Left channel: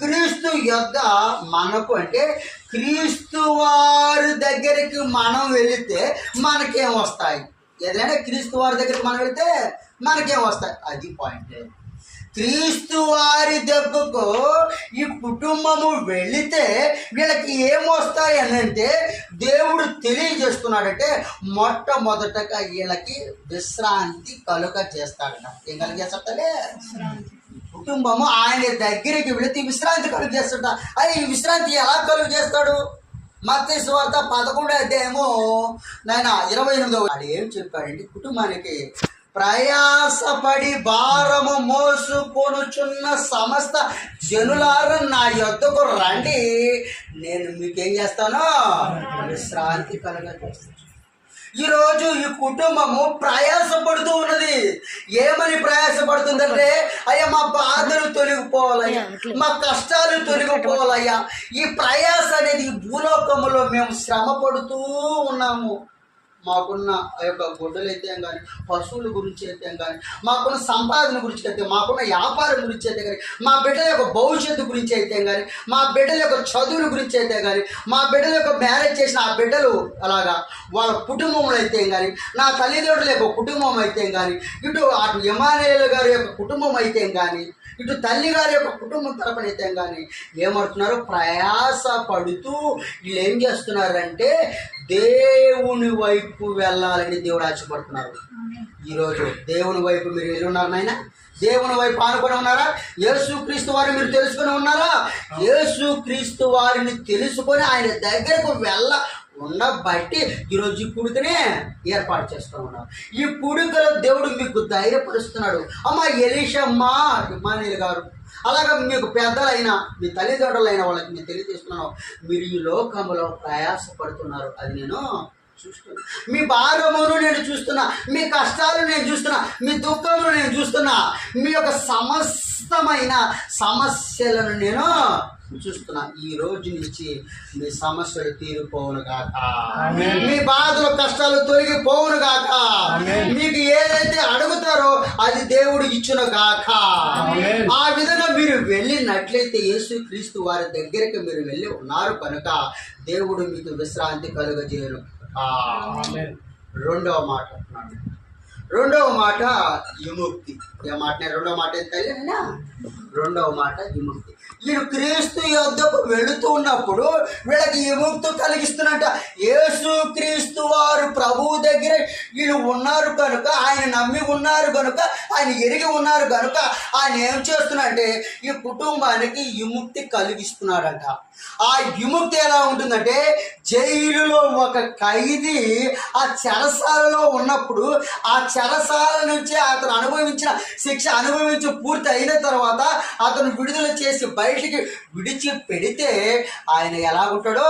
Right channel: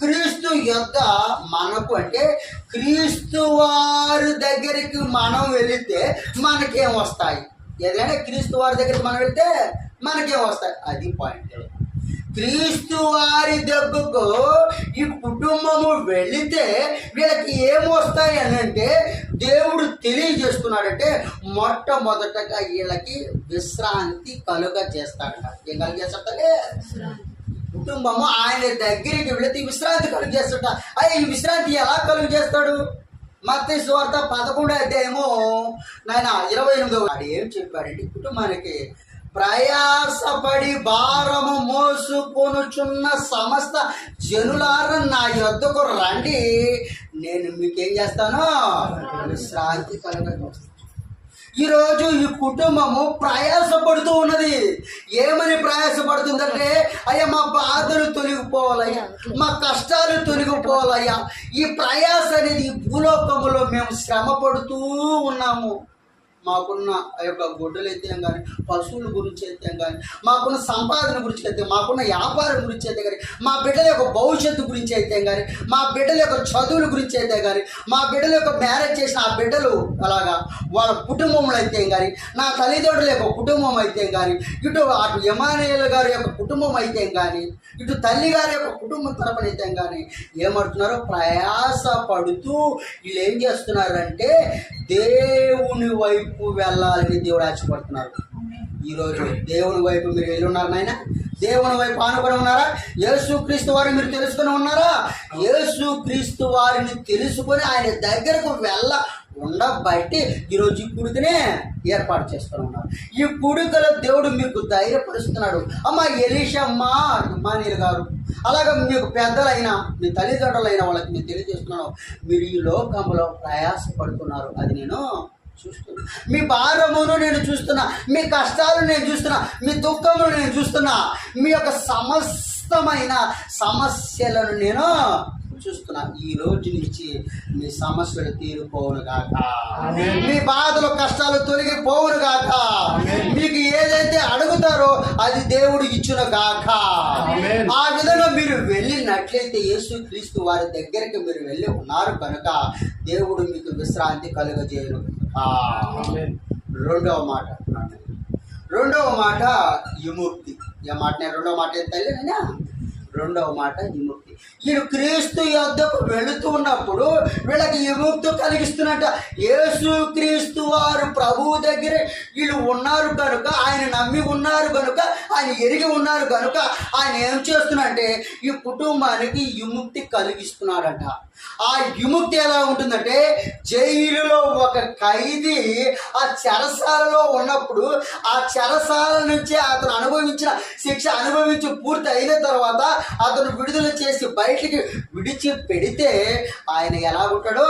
క్రీస్తు యొద్ద మనకు అంటే క్రీస్తు వారి దగ్గరికి మనం వెళితే మనకేం వస్తాయి? ఏదైనా క్రీస్తు వారి దగ్గరికి మనం వెళితే మనకేం వస్తాయి? అది పాయింట్. క్రీస్తు వారి దగ్గరకు ఈ కుటుంబము వెళితే వీళ్ళకి ఏమొస్తాయి అని అంటే దేవుడు తెలియజేస్తున్నాడంటే మొట్టమొదటగా వీళ్ళకి విశ్రాంతి కలుగ చేస్తాడట. ఏం కలిగేస్తాడే? కుటుంబము ఆయన దగ్గరికి వెళితే విశ్రాంతి కలుగు చేస్తాడ. ఈ విశ్రాంతి ఎలా కలుగు చేస్తాడు? మత్తయి సువార్త 11వ అధ్యాయము 28వ వాడు ఏం చెప్పాడంటే, కుటుంబానికి ప్రయాసపడి భారము మోసుకొనుచున్న సమస్త జనులారా నా యొద్దకు రండి, నేను మీకేం చేస్తాను? విశ్రాంతి కలగజేస్తాను. ఈరోజు ఈ కుటుంబము ప్రయాసపడుతూ ఉన్నది. ఏమని ప్రయాసపడుతుందంటే, అయ్యా మా బాధలు తొలగిపోవాలయ్యా, మా కష్టాలు తొలగిపోవాలయ్యా. ఈ ప్రయాస అనేది భూలోకములో మేము శ్రమ పడుతూ ఉన్నాము. మాకున్న ఆ యొక్క గొడ్డలు అయితే కానీ, పశువుల గురించి అయితే కానీ, మాకున్న సంపాదన గురించి అయితే, మాకున్న వ్యాపారం గురించి అయితే కానీ, మా బిడ్డల యొక్క భవిష్యత్తు గురించి అయితే కానీ, మా బిడ్డల యొక్క చదువుల గురించి అయితే కానీ, మా బిడ్డల యొక్క మ్యారేజ్ చేసిన ఆ బిడ్డలు అలాగా వాళ్ళ కుటుంబంలో అయితే కానీ, నా తల్లిదండ్రుల యొక్క కుటుంబం అయితే కానీ, అటు ఎమానుయేలు గారి యొక్క కుటుంబం అయితే కానీ, ఇటు తల్లి గారి యొక్క కుటుంబం తరపున అయితే కానీ ఏమంటున్నారు? ప్రయాస పడుతూ వీళ్ళు ఏం చేస్తున్నారంటే దేవుని వైపు వెళ్ళాలని దేవుడు ఆశపడుతున్నారు. ఈరోజు దేవుని వైపు మీరు వెళ్ళి ఉన్నారు నాయన? దేవుని వైపు ఆనుకొని ఉన్నారా? యేసుక్రీస్తు వారిని మీరు తెలుసుకొని ఉన్నారా? యేసుక్రీస్తు వారిని తెలుసుకొని ఆయన దగ్గరకు ఉండబట్టి ఈరోజు ఈ కుడికనే ఏర్పాటు చేసుకొని ఉన్నారు. ఈ కుడికలో దేవుడు మీకు ధైర్యపరుస్తున్నాడు. అమ్మ ఎలీషమ్మ, ఇమ్మానుయేలు గారు, అలాగా మీకు పెద్దలైనా మీ తల్లిదండ్రులైన వాళ్ళకి నేను తెలియజేస్తున్నాను, మీరు ఈ లోకంలో ప్రయాసపడుతున్నారు. అది నేను చూస్తున్నా. మీ భారమును నేను చూస్తున్నా, మీ కష్టాలు నేను చూస్తున్నా, మీ దుఃఖమును నేను చూస్తున్నా, మీ యొక్క సమస్తమైన సమస్యలను నేను చూస్తున్నా. ఈ రోజు నుంచి మీ సమస్యలు తీరిపోవును గాక, మీ బాధలు కష్టాలు తొలగిపోవును గాక, మీకు ఏదైతే అడుగుతారో అది దేవుడు ఇచ్చును గాక. ఆ విధంగా మీరు వెళ్ళినట్లయితే యేసుక్రీస్తు వారి దగ్గరికి మీరు వెళ్ళి ఉన్నారు కనుక దేవుడు మీకు విశ్రాంతి కలుగజేయను. రెండవ మాట విముక్తి. ఏ మాట? రెండవ మాట ఏం తెలియనా? రెండవ మాట విముక్తి. వీళ్ళు క్రీస్తు యొద్దకు వెళుతూ ఉన్నప్పుడు వీళ్ళకి విముక్తి కలిగిస్తున్నట్ట. యేసుక్రీస్తు వారు ప్రభువు దగ్గర వీళ్ళు ఉన్నారు కనుక, ఆయన నమ్మి ఉన్నారు కనుక, ఆయన ఎరిగి ఉన్నారు కనుక ఆయన ఏం చేస్తున్నాడంటే ఈ కుటుంబానికి విముక్తి కలిగిస్తున్నాడంట. ఆ విముక్తి ఎలా ఉంటుందంటే, జైలులో ఒక ఖైదీ ఆ చెరసాలలో ఉన్నప్పుడు ఆ చెరసాల నుంచి అతను అనుభవించిన శిక్ష అనుభవించి పూర్తి అయిన తర్వాత అతను విడుదల చేసి బయటికి విడిచి పెడితే ఆయన ఎలా ఉంటాడో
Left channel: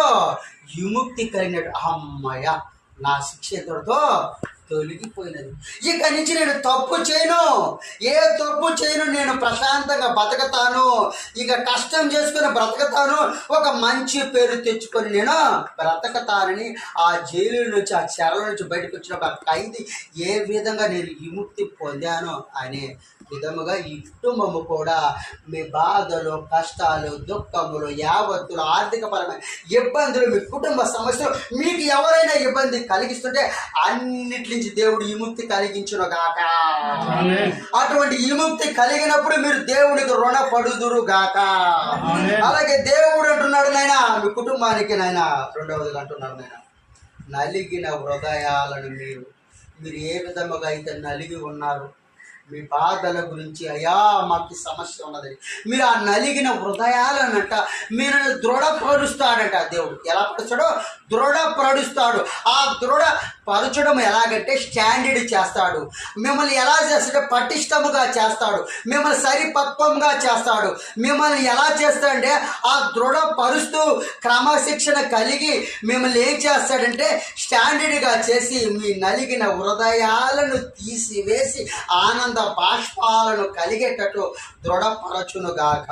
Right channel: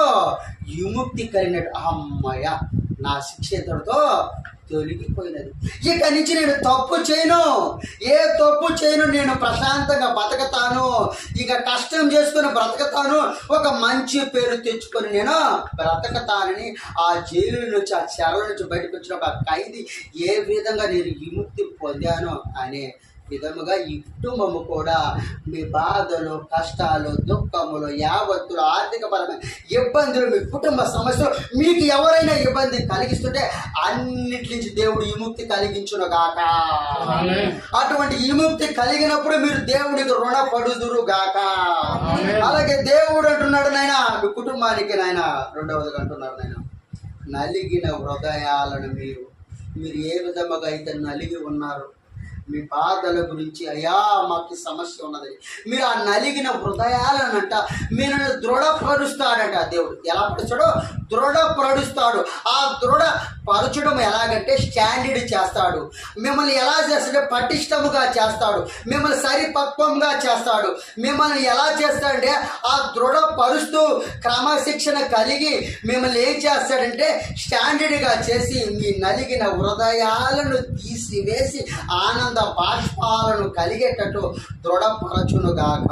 విముక్తి కలిగినట్టు. అమ్మయ్య, నా శిక్ష ఇతడితో తొలగిపోయినది, ఇక నుంచి నేను తప్పు చేయను, ఏ తప్పు చేయను, నేను ప్రశాంతంగా బతకతాను, ఇక కష్టం చేసుకుని బ్రతకతాను, ఒక మంచి పేరు తెచ్చుకొని నేను బ్రతకతానని ఆ జైలు నుంచి ఆ చెరల నుంచి బయటకు వచ్చిన ఒక ఖైదీ ఏ విధంగా నేను విముక్తి పొందానో అనే విధముగా ఈ కుటుంబము కూడా మీ బాధలు, కష్టాలు, దుఃఖములు, యావత్తులు, ఆర్థికపరమైన ఇబ్బందులు, మీ కుటుంబ సమస్యలు, మీకు ఎవరైనా ఇబ్బంది కలిగిస్తుంటే అన్నిటి నుంచి దేవుడు విముక్తి కలిగించును గాక. అటువంటి విముక్తి కలిగినప్పుడు మీరు దేవునికి రుణపడుదురు గాక. అలాగే దేవుడు అంటున్నాడు నాయన మీ కుటుంబానికి, నాయన రెండవదిగా అంటున్నారు నాయన, నలిగిన హృదయాలను మీరు ఏ విధముగా అయితే నలిగి ఉన్నారు, మీ బాధల గురించి, అయ్యా మాకు సమస్య ఉన్నది, మీరు ఆ నలిగిన హృదయాలనంట మీరు దృఢపరుస్తాడట దేవుడు. ఎలా పరుస్తాడో? దృఢపరుస్తాడు. ఆ దృఢపరచడం ఎలాగంటే స్టాండర్డ్ చేస్తాడు. మిమ్మల్ని ఎలా చేస్తాడంటే పటిష్టముగా చేస్తాడు, మిమ్మల్ని సరిపక్వంగా చేస్తాడు. మిమ్మల్ని ఎలా చేస్తాడంటే ఆ దృఢపరుస్తూ క్రమశిక్షణ కలిగి మిమ్మల్ని ఏం చేస్తాడంటే స్టాండర్డ్గా చేసి మీ నలిగిన హృదయాలను తీసివేసి ఆనంద బాష్పాలను కలిగేటట్టు దృఢపరచునుగాక.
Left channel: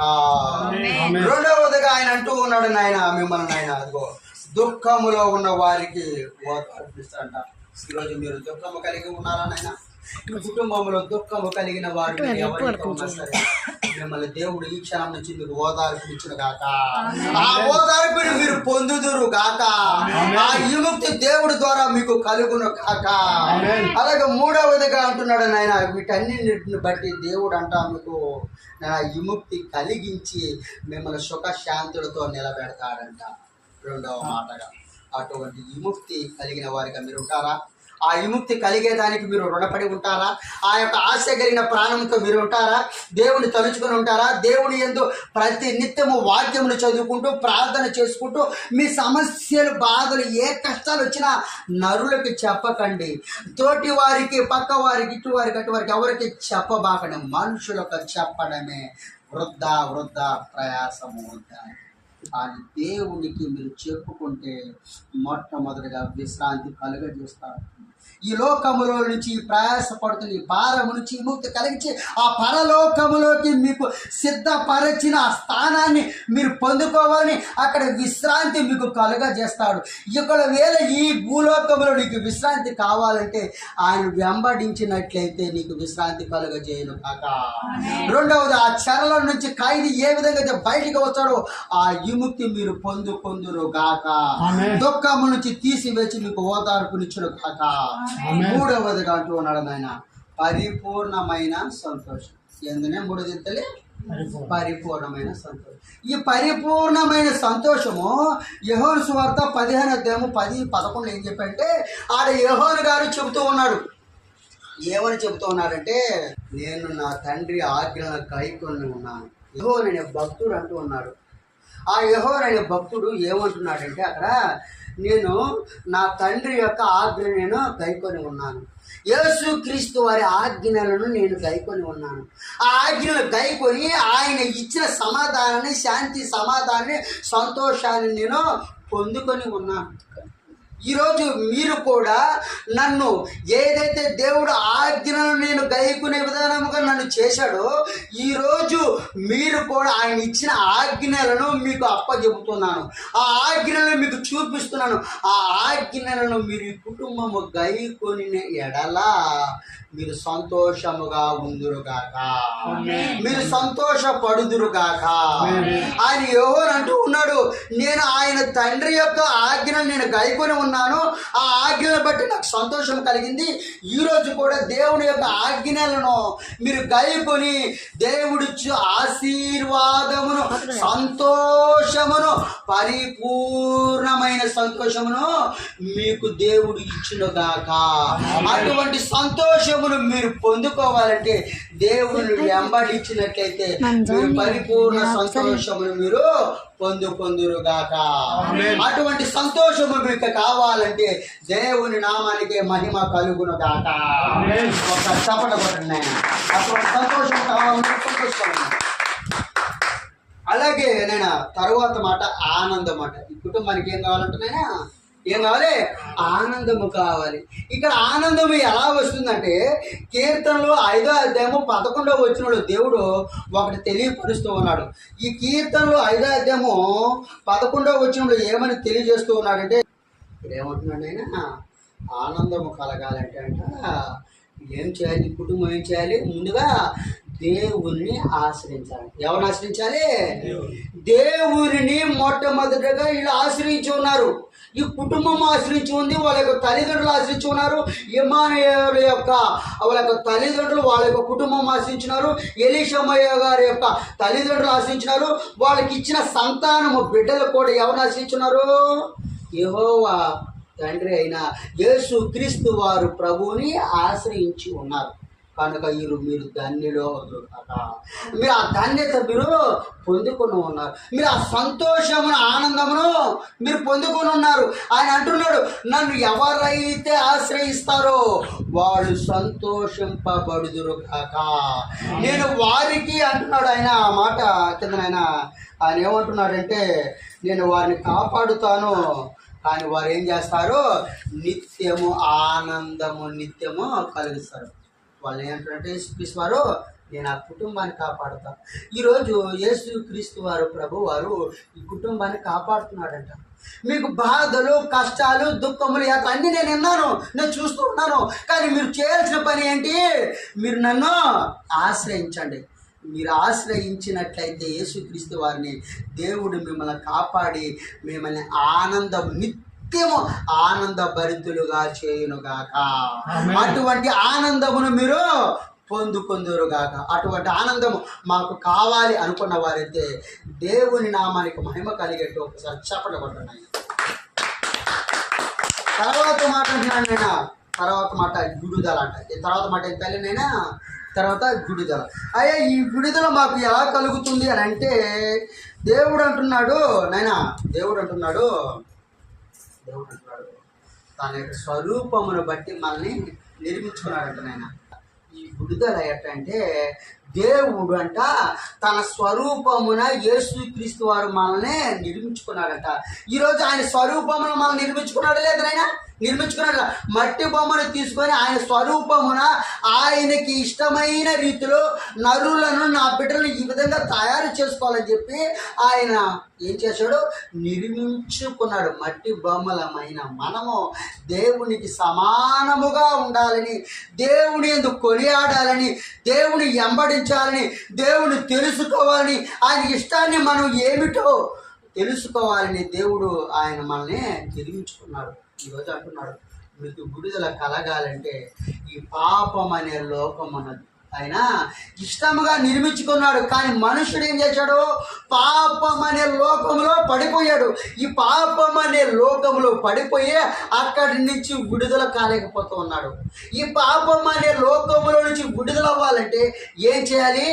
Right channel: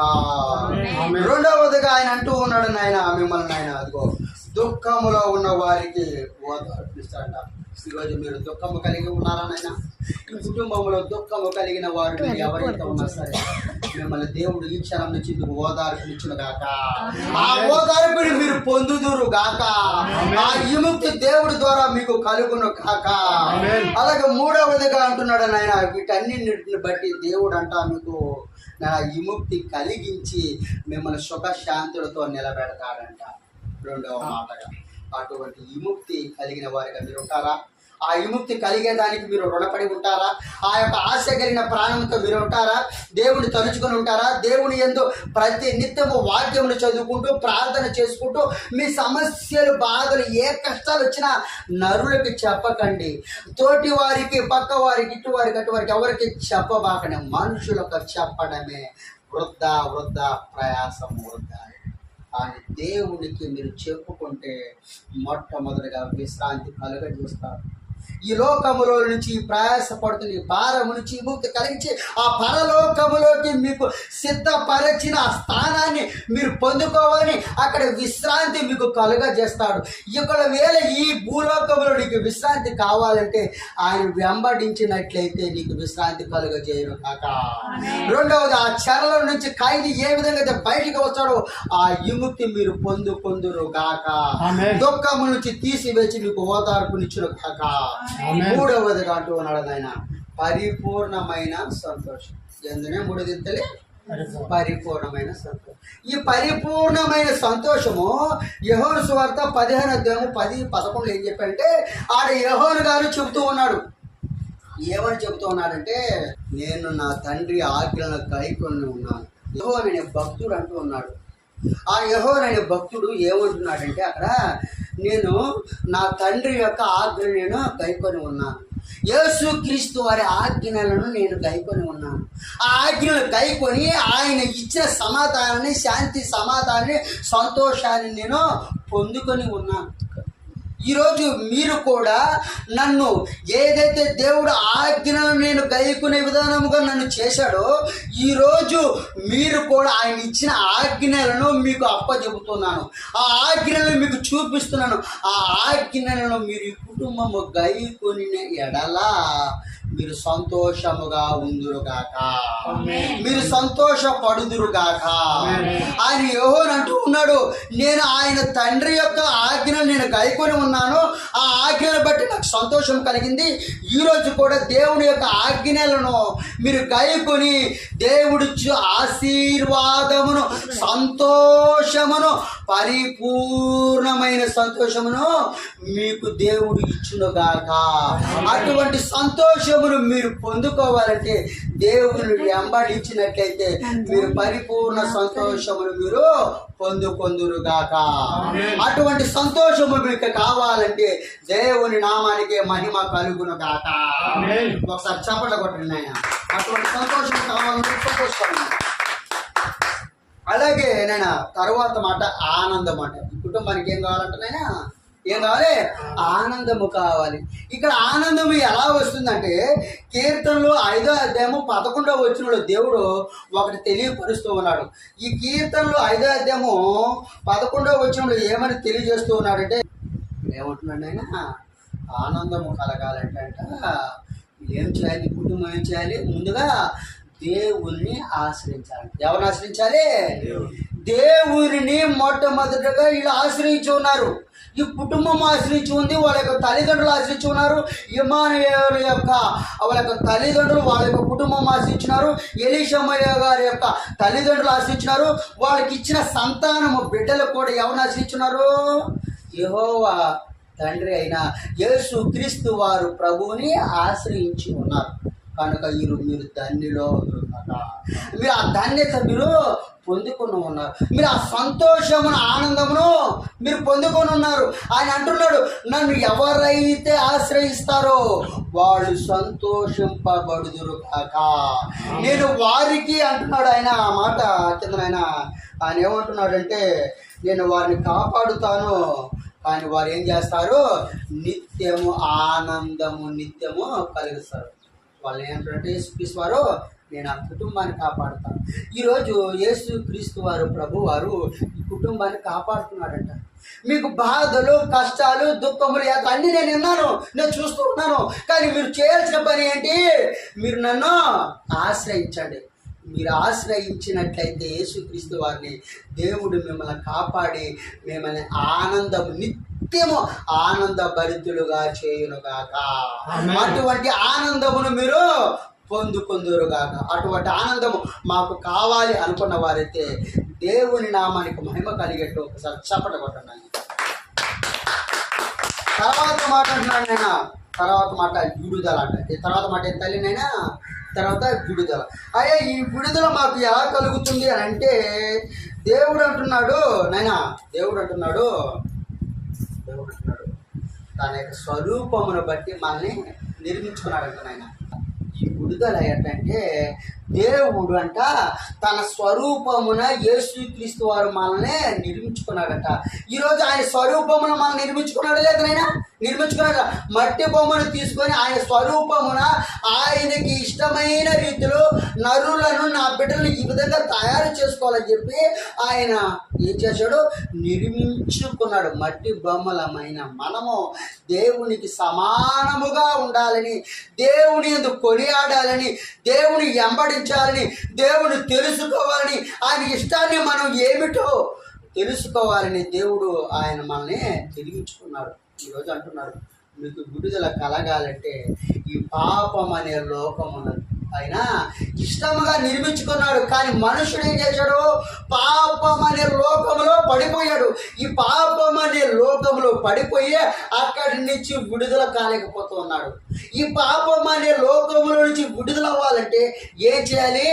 రెండవదిగా ఆయన అంటూ ఉన్నాడు నాయన మిమ్మల్ని, ఆయన అదిగో దుఃఖములో ఉన్న వారికి ఓదార్పిస్తాడంట. ఈరోజు మీరు దుఃఖము కలిగి ఉన్నారా నాయన? ఈ కుటుంబంలో దుఃఖము కలిగిన వారు మీరు ఎవరైతే ఉన్నా సరే, మిమ్మల్ని దేవుడు ఈ క్షణం నుంచి మీకు ఓదార్పునిచ్చును గాక. ఆ ఓదార్పుని మీరు పొందుదురు గాక. ఆ విముక్తి దేవుడి ద్వారా మీకు కలుగును గాక. అలాగే మూడవదిగా అంటున్నాడు నాయన, వీటన్నిటిని బట్టి దేవుడు అంట మీకు నా విముక్తి కలిగించి మిమ్మల్ని సుఖశాంతులతో నిలబెడతాడంట. రెండవ మాటగా, అటువంటి విముక్తి కలిగిన వారిగా మీరు ఉంటారా? ఆ విముక్తి కలిగేదానికి మీరు రుణపడి ఉంటారా? ఆ యొక్క ఆశ కలిగిన ప్రాణంతో మీరు ఉంటారా? దేవుని తలుచుకొని ఉంటారా? దేవుని యందు ప్రతి నిత్యము వాక్యములు చదువుకుంటూ ప్రార్థన చేసుకుంటూ మీ సమస్యలు, బాధలు, ఏ కష్టాలు వచ్చినా నరులకి చెప్పకండి. తోటి వారికి, పక్క వారికి, ఇటు వారికి, అటు వారికి ఎవరికి చెప్పబాకండి. మనుషులకు చెప్పడమే వృద్ధ ప్రయాసము వృద్ధా. అని దేవునికి మీరు చెప్పుకుంటే మొట్టమొదటిగా విశ్రాంతి కలుగజేస్తారు. ఈ లోకములో నుంచి ప్రయాసపడుతున్న ఈ భారము నుంచి విముక్తి కలిగించి ఆ పరలోకములోకి మీకు సిద్ధపరచిన ఆ స్థానాన్ని మీరు పొందుకోవాలని అక్కడ విశ్రాంతి మీకు కలుగజేస్తాడు. ఒకవేళ ఈ భూలోకంలో నీకు విశ్రాంతి కావాలంటే ఆయన వెంబడించినట్లయితే నీకు విశ్రాంతి కలుగజేయను కాక. రెండవది, ఆ చెరలో నుంచి ఖైదీ ఏ విధంగా అయితే బయటికి వచ్చాడో ఆ విముక్తి మీరు పొందుకొందురు గాక. దుఃఖము నుంచి తీసివేసి మీకు ఓదార్పునిచ్చును కాక. మూడవదిగా అంటూ ఉన్నాడు ఆయన, పరిపూర్ణమైన సంతోషం. ఎందునే మూడు దిద్దలే పరిపూర్ణమైన సంతోషం. ఈ పరిపూర్ణమైన సంతోషము యోహాను సువార్త 15:10-11 ఏం చెప్పంటే, ఆడ యోహాను గారు చెబుతూ ఉన్నాడు. ఏమని చెబుతూ ఉన్నాడంటే, నేను నా తండ్రి ఆజ్ఞలను గైకొని ఉన్నాను. యెహోవా అనే భక్తుడు అంటూ ఉన్నాడు. ఆ యెహోవా అనే భక్తుడు ఏమంటున్నాడంటే అక్కడ, నేను నా తండ్రి యొక్క ఆజ్ఞను నేను గైకొని ఉన్నాను. యేసు క్రీస్తు వారి ఆజ్ఞలను నేను గైకొని ఉన్నాను. ఆ ఆజ్ఞలను గైకొని ఆయన ఇచ్చిన సమాధానాన్ని, శాంతి సమాధానాన్ని, సంతోషాన్ని నేను పొందుకొని ఉన్నాను. ఈరోజు మీరు కూడా నన్ను ఏదైతే దేవుడు ఆజ్ఞలను నేను గైకునే విధానముగా నన్ను చేశాడో, ఈరోజు మీరు కూడా ఆయన ఇచ్చిన ఆజ్ఞలను మీకు అప్పచెబుతున్నాను. ఆ ఆజ్ఞలను మీకు చూపిస్తున్నాను. ఆ ఆజ్ఞలను మీరు ఈ కుటుంబము గైకొని ఎడలా మీరు సంతోషముగా ఉందురుగాక, మీరు సంతోషపడుదురుగాక. ఆయన యోహాను అంటూ ఉన్నాడు, నేను ఆయన తండ్రి యొక్క ఆజ్ఞను నేను గైకొని ఉన్నాను. ఆ ఆజ్ఞలను బట్టి నాకు సంతోషం కలిగింది. ఈరోజు కూడా దేవుని యొక్క ఆజ్ఞలను మీరు గైకొని దేవుడిచ్చు ఆశీర్వాదమును, సంతోషమును, పరిపూర్ణమైన సంతోషమును మీకు దేవుడు ఇచ్చునుగాక. అటువంటి సంతోషం మీరు పొందుకోవాలంటే దేవుని వెంబడించినట్లయితే మీరు పరిపూర్ణ సంతోషమును మీరు పొందుకొందురుగాక. అటువంటి సంతోషము మీకు కావాలంటే దేవుని నామానికి మహిమ కలుగును గాక. ఒక చప్పట కొట్టండి ఆయన. అటువంటి సంతోషం కావాలంటే సంతోషం. అలాగే నేను తరువాత మాట ఆనందం మాట. ఈ కుటుంబానికి ఏం కావాలంటే నాయనా, ఏం కావాలి? ఆనందము కావాలి. ఇక్కడ ఆనందము ఎలా వస్తుందంటే, కీర్తనలో 5వ అధ్యాయము 11వ వచనంలో దేవుడు ఒకటి తెలియపరుస్తూ ఉన్నాడు. ఈ కీర్తనలో 5వ అధ్యాయము 11వ వచనంలో ఏమని తెలియజేస్తూ ఉన్నాడంటే, ఏమంటున్నాడు ఆయన, ఆనందము కలగాలంటే అంట ఏం చేయాలి? కుటుంబం ఏం చేయాలి? ముందుగా దేవుణ్ణి ఆశ్రయించాలి. ఎవరిని ఆశ్రయించాలి? దేవుని మొట్టమొదటిగా వీళ్ళు ఆశ్రయించి ఉన్నారు. ఈ కుటుంబం ఆశ్రయించి ఉంది, వాళ్ళ యొక్క తల్లిదండ్రులు ఆశ్రయించి ఉన్నారు. ఇమ్మానుయేలు యొక్క వాళ్ళ యొక్క తల్లిదండ్రులు వాళ్ళ యొక్క కుటుంబం ఆశ్రయించినారు. ఎలీషమయ్య గారి యొక్క తల్లిదండ్రులు ఆశ్రయించినారు. వాళ్ళకి ఇచ్చిన సంతానము బిడ్డలు కూడా ఎవరిని ఆశ్రయించున్నారు? యెహోవా తండ్రి అయిన యేసు క్రీస్తు వారు ప్రభువుని ఆశ్రయించి ఉన్నారు. కనుక మీరు ధన్యులో మీరు ఆ ధన్యత మీరు పొందుకొని ఉన్నారు. మీరు ఆ సంతోషమును, ఆనందమును మీరు పొందుకొని ఉన్నారు. ఆయన అంటున్నాడు, నన్ను ఎవరైతే ఆశ్రయిస్తారో వాళ్ళు సంతోషింపబడుదురు కాక. నేను వారికి అంటున్నాడు ఆయన. ఆ మాట కింద ఆయన ఏమంటున్నాడంటే, నేను వారిని కాపాడుతాను, కానీ వారు ఏం చేస్తారు? నిత్యము ఆనందము నిత్యము కలిగిస్తారు. వాళ్ళు ఏంటంటే యేసుక్రీస్తు వారు నేను ఆ కుటుంబాన్ని కాపాడుతాను. ఈరోజు యేసు క్రీస్తు వారు ప్రభు వారు ఈ కుటుంబాన్ని కాపాడుతున్నాడంట. మీకు బాధలు, కష్టాలు, దుఃఖములు, అన్నీ నేను విన్నాను, నేను చూస్తూ ఉన్నాను. కానీ మీరు చేయాల్సిన పని ఏంటి? మీరు నన్ను ఆశ్రయించండి. మీరు ఆశ్రయించినట్లయితే యేసుక్రీస్తు వారిని దేవుడు మిమ్మల్ని కాపాడి మిమ్మల్ని నిత్యము ఆనంద భరితులుగా చేయునుగాక. అటువంటి ఆనందమును మీరు పొందుకొందురుగాక. అటువంటి ఆనందము మాకు కావాలి అనుకున్న వారైతే దేవుని నామానికి మహిమ కలిగేట్టు ఒకసారి చప్పట కొట్టండి. తర్వాత మాట అంటున్నాడు నాయన, తర్వాత మాట విడుదల అంట. తర్వాత మాట ఏం తల్లినైనా, తర్వాత విడుదల. అయ్యా ఈ విడుదల మాకు ఎలా కలుగుతుంది అని అంటే దేవుడు అంటున్నాడు నాయన, దేవుడు అంటున్నాడు తన యొక్క స్వరూపమును బట్టి మనల్ని నిర్మించుకున్నాడంట నాయన. ఈ విడుదల ఎట్టంటే దేవుడు అంట తన స్వరూపమున యేసుక్రీస్తు వారు మనల్ని నిర్మించుకున్నాడంట. ఈరోజు ఆయన స్వరూపమును మనం నిర్మించుకున్నాడు లేదు నాయన? నిర్మించుకున్నాడు. మట్టి బొమ్మను తీసుకొని ఆయన స్వరూపమున ఆయనకి ఇష్టమైన రీతిలో నరులను, నా బిడ్డలను ఈ విధంగా తయారు చేసుకోవాలని చెప్పి ఆయన ఏం చేశాడు? నిర్మించుకున్నాడు. మట్టి బొమ్మలమైన మనము దేవునికి సమానముగా ఉండాలని, దేవుని యందు కొనియాడాలని, దేవుని వెంబడించాలని, దేవుని తెలుసుకోవాలని, ఆయన ఇష్టాన్ని మనం ఏమిటో తెలుసుకోవాలని దేవుడు ఆయన మనల్ని నిర్మించుకున్నాడు. ఈరోజు అంటున్నాడు మీకు విడుదల కలగాలంటే ఈ పాపం అనే లోకం ఉన్నది. ఆయన ఇష్టముగా నిర్మించుకున్నాడు. కానీ మనుషుడు ఏం చేశాడు? పాపం అనే లోకంలో పడిపోయాడు. ఈ పాపం అనే లోకంలో పడిపోయి అక్కడి నుంచి విడుదల కాలేకపోతూ ఉన్నాడు. ఈ పాపం అనే లోకంలో నుంచి విడుదల అవ్వాలంటే ఏం చేయాలి?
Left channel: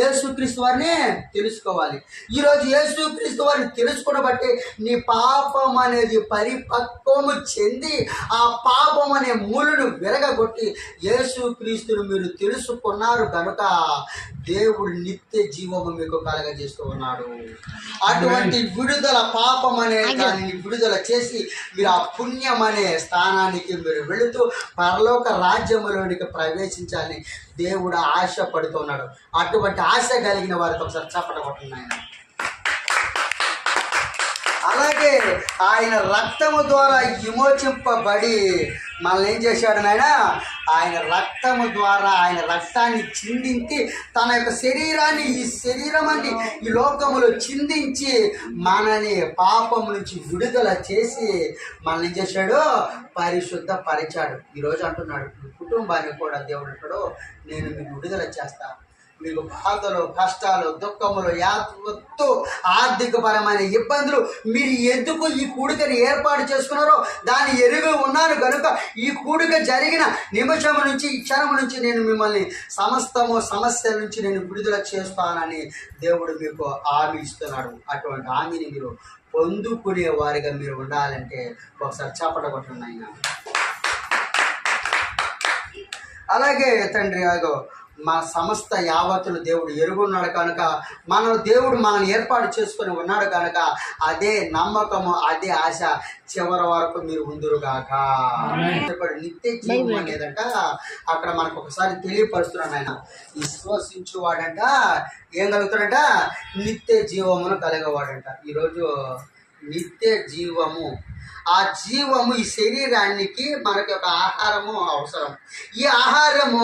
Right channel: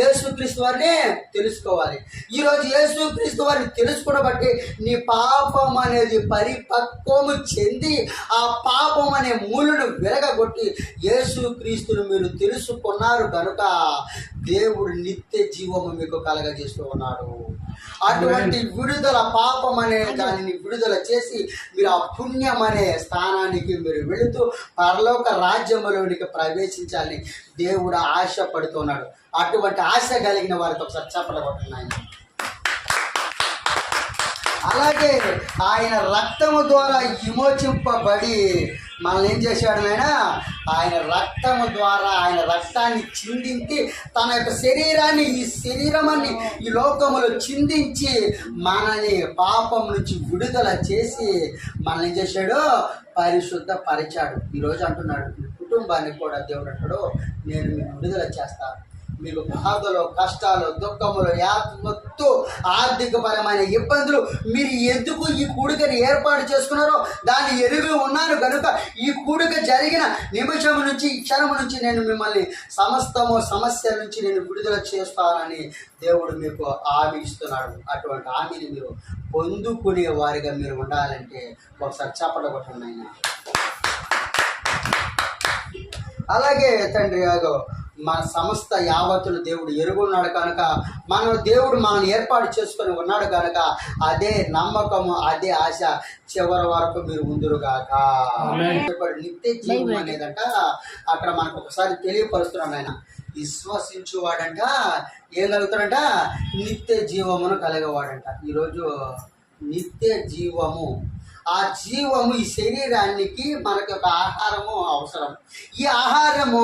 యేసుక్రీస్తు వారిని తెలుసుకోవాలి. ఈరోజు యేసుక్రీస్తు వారిని తెలుసుకున్న బట్టి నీ పాపం అనేది పరిపక్వము చెంది ఆ పాపం అనే మూలను విరగగొట్టి యేసుక్రీస్తును మీరు తెలుసుకున్నారు కనుక దేవుడు నిత్య జీవము మీకు కలగజేస్తూ ఉన్నాడు. అటువంటి విడుదల, పాపం అనే దానిని విడుదల చేసి మీరు ఆ పుణ్యం అనే స్థానానికి మీరు వెళుతూ పరలోక రాజ్యములోనికి ప్రవేశించాలని దేవుడు ఆశపడుతున్నాడు. అటువంటి ఆశ కలిగిన వారికి ఒకసారి చప్పట కొట్టండి ఆయన. అలాగే ఆయన రక్తము ద్వారా విమోచింపబడి మనల్ని ఏం చేశాడు నాయన? ఆయన రక్తము ద్వారా ఆయన రక్తాన్ని చిందించి తన యొక్క శరీరాన్ని, ఈ శరీరమాన్ని ఈ లోకములో చిందించి మనని పాపం నుంచి విడుదల చేసి మనల్ని ఏం చేశాడు? పరిశుద్ధపరిచాడు. ఈరోజు అంటున్నాడు మీ కుటుంబాన్ని కూడా దేవుడు అంటాడు నేను మీకు విడుదల చేస్తాను. మీకు బాధలు, కష్టాలు, దుఃఖములు, యావత్తు ఆర్థికపరమైన ఇబ్బందులు మీరు ఎందుకు ఈ కూడికని ఏర్పాటు చేసుకున్నారో దాన్ని ఎరుగు ఉన్నాను కనుక ఈ కూడిక జరిగిన నిమిషం నుంచి, ఈ క్షణం నుంచి నేను మిమ్మల్ని సమస్యల నుంచి నేను విడుదల చేస్తానని దేవుడు మీకు హామీ ఇస్తున్నాడు. అటువంటి హామీని మీరు పొందుకునే వారిగా మీరు ఉండాలంటే ఒకసారి చప్పట కొట్టండి ఆయన. అలాగే తండ్రి మన సమస్త యావత్తులు దేవుడు ఎరుగున్నాడు కనుక దేవుడు మనల్ని ఏర్పాటు చేసుకొని ఉన్నాడు కనుక అదే నమ్మకము, అదే ఆశ చివరి వరకు మీరు ఉందురుగాక. నిత్య జీవం అనేదంట అక్కడ మనకు ఒకసారి తెలియపరుస్తున్నాడు ఆయన. విశ్వసించువాడంట ఏం కలుగుతాడంట? నిత్య జీవమును కలగవాడంట. ఈరోజు నిత్య జీవము, ఆ జీవము ఈ శరీరానికి మనకి ఒక ఆహారము అవసరం. ఈ ఆహారము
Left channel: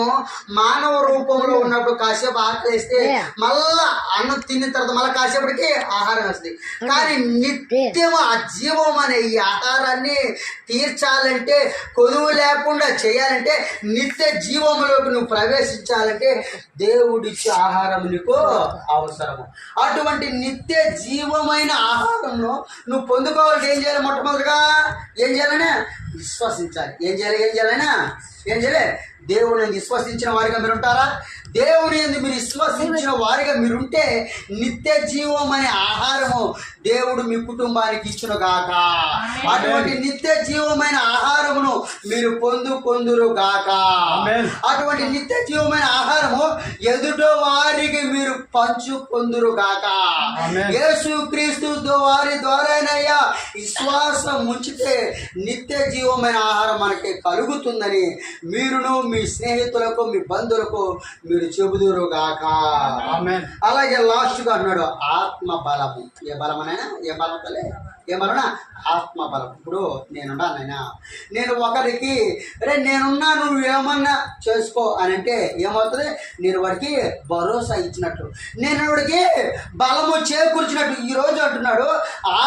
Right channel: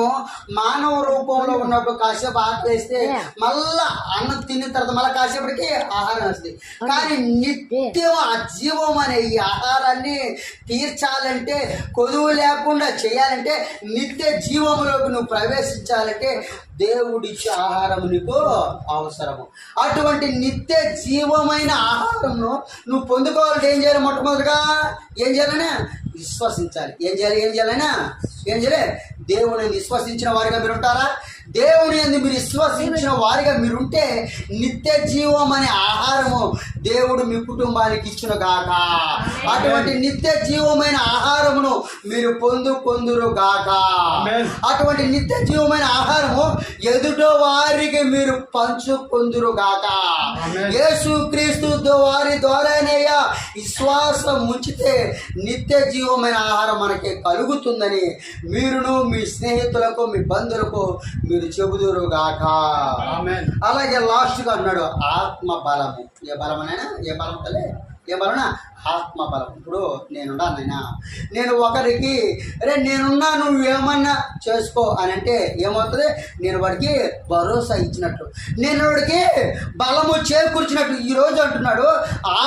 మానవ రూపంలో ఉన్నప్పుడు కాసేపు ఆకలిస్తే మళ్ళా అన్నం తిన్న తర్వాత మళ్ళీ కాసేపటికి ఆహారం వస్తుంది. కానీ నిత్యం ఆ జీవం అనే ఈ ఆహారాన్ని తీర్చాలంటే, కొదువు లేకుండా చేయాలంటే, నిత్య జీవములోకి నువ్వు ప్రవేశించాలంటే దేవుడిచ్చే ఆహారం నీకు అవసరము. అటువంటి నిత్య జీవమైన ఆహారంను నువ్వు పొందుకోవాలంటే ఏం చేయాలి? మొట్టమొదటిగా ఏం చేయాలనే? విశ్వసించాలి. ఏం చేయాలి? దేవుని విశ్వసించిన వారిగా మీరు ఉంటారా? దేవుని యందు మీరు విశ్వసించిన వారిగా మీరుంటే నిత్య జీవం అనే ఆహారము దేవుడు మీ కుటుంబానికి ఇచ్చును గాక. అటువంటి నిత్య జీవమైన ఆహారమును మీరు పొందుకొందురు గాక. అటువంటి నిత్య జీవమైన ఆహారము ఎదుట వారికి మీరు పంచుకొందురు గాక. యేసుక్రీస్తు వారి ద్వారానయ్యా విశ్వాసం ఉంచితే నిత్య జీవం జీవమైన ఆహారం మనకి కలుగుతుందని మీరును మీ స్నేహితులకు మీ బంధువులకు మీరు చెబుదురుగాక. అలాగే లాస్ట్గా అన్నాడు ఆత్మ బలము. ఏ బలమనైనా ఏ బలం తలే ఏ బలనా ఆత్మ బలం. ఇప్పుడు నేనున్నానైనా నేను ఒకరికి అరే నేనున్నా నువ్వు ఏమన్నా చేసుకో అని అంటే ఏమవుతుంది? నేను వాడికి భరోసా ఇచ్చినట్లు, నేను వాడికి బలము చేకూర్చినట్లు. ఈరోజు అంటున్నాడు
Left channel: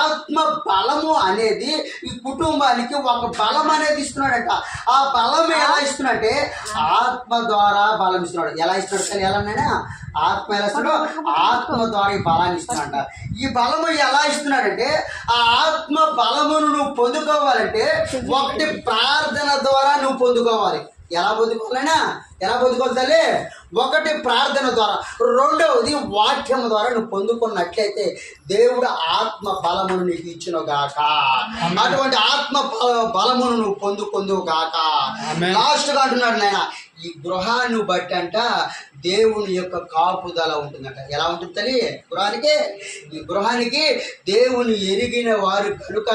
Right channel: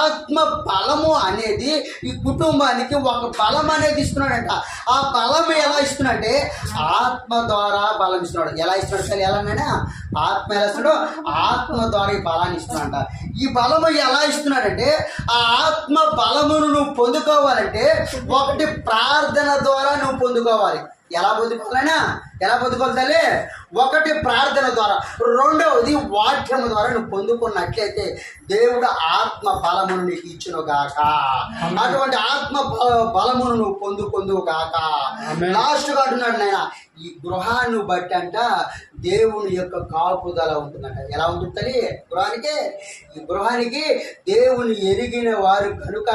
ఆత్మ బలము అనేది ఈ కుటుంబానికి ఒక బలం అనేది ఇస్తున్నాడంట. ఆ బలం ఎలా ఇస్తున్నాడంటే ఆత్మ ద్వారా బలం ఇస్తున్నాడు. ఎలా ఇస్తున్నాడు సార్? ఎలానైనా ఆత్మ ఎలా ఇస్తున్నాడు? ఆత్మ ద్వారా ఈ బలాన్ని ఇస్తున్నాడంట. ఈ బలము ఎలా ఇస్తున్నాడంటే ఆ ఆత్మ బలమును నువ్వు పొందుకోవాలంటే ఒకటి ప్రార్థన ద్వారా నువ్వు పొందుకోవాలి. ఎలా పొందుకోవాలైనా ఎలా పొందుకోవాలి తల్లి? ఒకటి ప్రార్థన ద్వారా, రెండవది వాక్యం ద్వారా నువ్వు పొందుకున్నట్లయితే దేవుడు ఆత్మ బలమును నీకు ఇచ్చును గాక. అటువంటి ఆత్మ బలమును నువ్వు పొందుకుందువు గాక. లాస్ట్గా అంటున్నాడు నాయన ఈ గృహాన్ని బట్టి అంట దేవుని యొక్క కాపుదల ఉంటుందంట. ఎలా ఉంటుంది తల్లి? గృహానికి ఈ గృహానికి దేవుని ఎరిగిన వారు కనుక,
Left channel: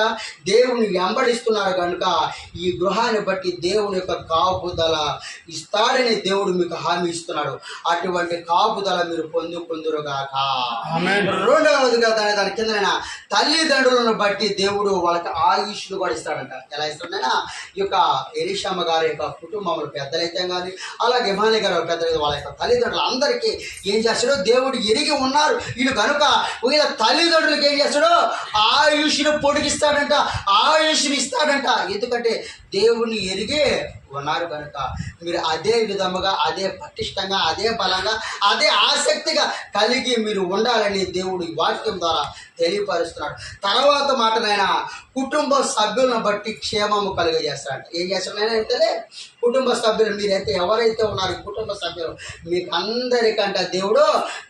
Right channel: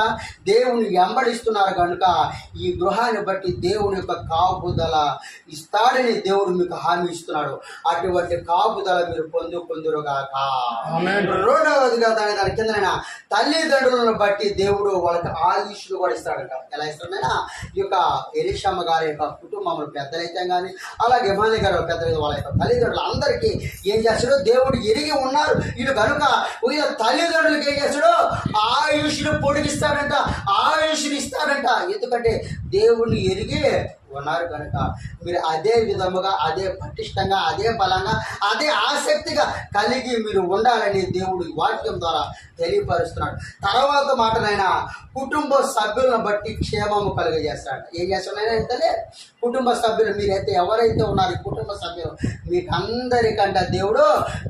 దేవుని వెంబడిస్తున్నారు కనుక ఈ గృహాన్ని బట్టి దేవుని యొక్క కాపుదల ఇస్తాడని దేవుడు మీకు హామీ ఇస్తున్నాడు. అటువంటి కాపుదల మీరు పొందుకుందురుగాక. రెండవదిగా దాని కింద తల్లిదండ్రులను బట్టి దేవుడు వాళ్ళకి ఆయుష్ను కూడా ఇస్తాడంట. ఎలా ఇస్తాడైనా ఈ యొక్క ఎలీషమ్మ గారి యొక్క కుటుంబంలో పెద్దలైతే కానీ, అలాగే హిమాలి గారి పెద్దలైతే వాళ్ళ యొక్క తల్లిదండ్రులు అందరికీ ఏం చేస్తాడో దేవుడు ఎరిగి ఉన్నారు. వీడు కనుక వీళ్ళ తల్లిదండ్రులకి ఏం చేస్తాడో ఆయుష్ను పొడిగిస్తాడంట, ఆయుష్ని ఇస్తాడంట. ఎందుకంటే దేవుని ఎరిగి ఉన్నారు కనుక మీరు అదే విధముగా, అదే పటిష్టంగా, అదే బలంగా, అదే ఆసక్తిగా కలిగి మీరు ఉండాలని దేవుడు ఈ వాక్యం ద్వారా తెలియపరుస్తున్నాడు. తర్వాత మాటనైనా కుటుంబ సభ్యులను బట్టి క్షేమము కలుగజేస్తాడు. ఏం చేస్తాడైనా అయితే కుటుంబ సభ్యులు మీరైతే ఎవరైతే ఉన్నారు ఈ కుటుంబ సభ్యులు మీకు అందరికంట దేవుడు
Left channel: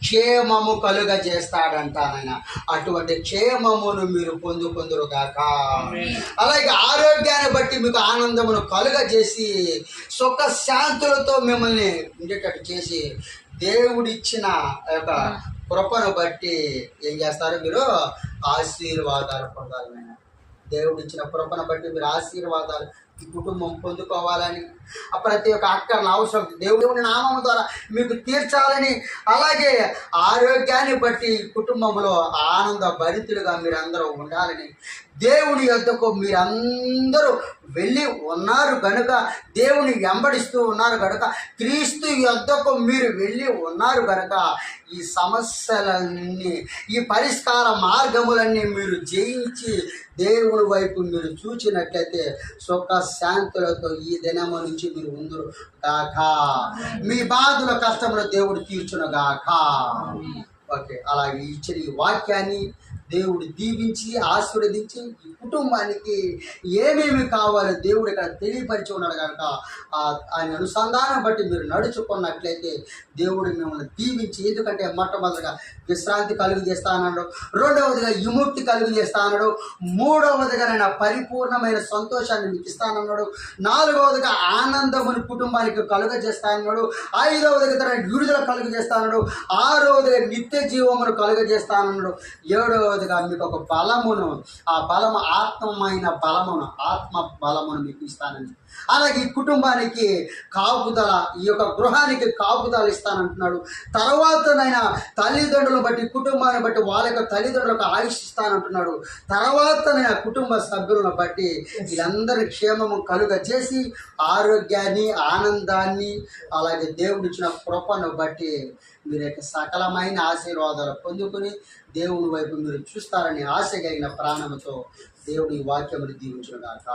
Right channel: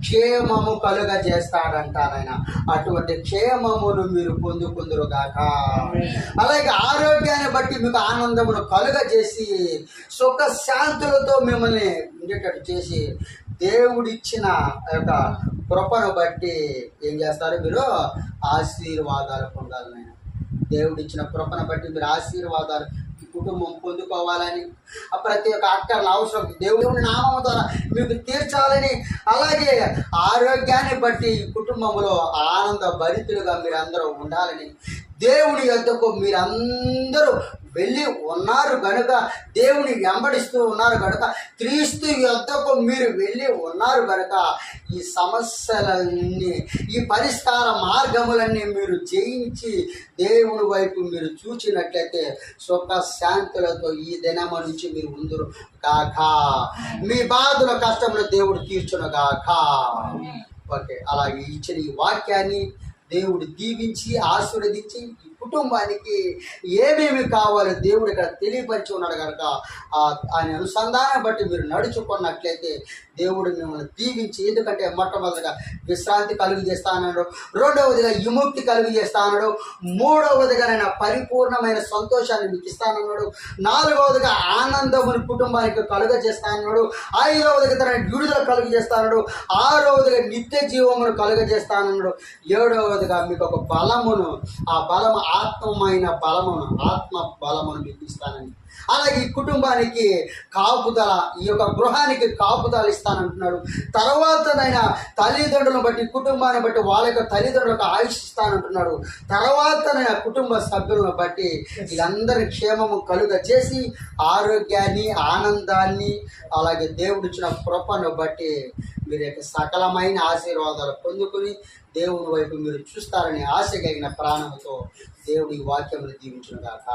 క్షేమము కలుగజేస్తాడంట నాయన. అటువంటి క్షేమమును మీరు పొందుకుందురుగాక. అలాగే ఆరోగ్యాన్ని బట్టి మీకు ఆనందమును కలుగజేసి సుఖ శాంతులతో మిమ్మల్ని ఉండేటట్టు చేసి దేవుడిచ్చిన యొక్క కృపను బట్టి ఏం చేస్తారు? మీరు ఆశీర్వాదాలు పొందాలి నాయన. దేవుడిచ్చిన కృపను బట్టి మీరు ఆశీర్వాదాలు ఈ కుటుంబం పొందుకోవాలని, ప్రతి ఒక్క అక్కర్ల అవసరం దేవుని నామం ద్వారా మీకు తీర్చాలని, అలాగే ఆరోగ్యాన్ని బట్టి కుటుంబంలో ఆనంద భరితులుగా మీరందరూ ఉండాలని, దేవుని యొద్దకు మీరందరూ వెళ్ళి ఉన్నారు కనుక, దేవుని వెంబడిస్తూ ఉన్నారు కనుక, క్రీస్తు యొద్దకు మీరు వెళ్ళి ఉన్నారు కనుక ఈ సమస్యలన్నీ, ఈ పరిష్కార మార్గములన్నీ మీరు జయించి దేవుని వైపు మీరు చూచినట్లయితే సుఖ శాంతులతో ఈ దినము నుంచి మీరు ఉందురు గాక. మీ బాధల కష్టంలో దేవుడు తీర్చును గాక. ఓకే, అలాగే ఇచ్చిన ఈ వాక్యాన్ని దేవుడు దీవించి ఆశీర్వదించి ఈ కుటుంబానికి ఏమేమి కావాలో దేవుడు ఇక్కడ తెలియపరిచి ఉన్నాడు కనుక ఆయన అనుసంధానం బట్టి మీరు నడుచుకున్నట్లయితే దేవుడు మిమ్మల్ని దీవించి, ఎందుకంటే మొట్టమొదటిగా విశ్రాంతి కలుగు చేస్తా అన్నాడు, రెండవదిగా విముక్తి కలుగు చేస్తా అన్నాడు, మూడవదిగా నేను పరిపూర్ణమైన సంతోషాన్ని మీకు ఇస్తానన్నాడు, నాలుగవదిగా ఆనందముని కుటుంబానికి కలుగ చేస్తా అన్నాడు, ఐదవదిగా తన విడుదల కలుగు చేస్తా అన్నాడు, ఆరవదిగా నిత్య జీవమును కలుగ చేస్తానన్నాడు, ఏడవదిగా మీకు ఒక బలమును, ఆ బలము ఆత్మమైన బలమును, ఆత్మ బలమును మీకు ఇస్తానని, అలాగే ఈ కుటుంబానికి కాపుదల, ఈ యొక్క గృహానికి కాపుదల ఇస్తానంటున్నాడు. తర్వాతనైనా తల్లిదండ్రులను బట్టి, కుటుంబాన్ని బట్టి వాళ్ళ యొక్క తల్లిదండ్రులకు ఆయుష్ ఇస్తానంటున్నాడు. తర్వాతనైనా కుటుంబ సభ్యులను బట్టి వీళ్ళందరి క్షేమము కలుగ చేసి ఆరోగ్యాన్ని, ఆనందాన్ని, అలాగే దేవుడిచ్చిన కృపను బట్టి మీరు యొక్క సకలమైన ఆశీర్వాదాలు పొందుకుని దేవుని వైపు మీరు చూస్తారని ఆశ కలిగిన ప్రాణముతో దేవుడి వాక్యమును దీవించుగాక.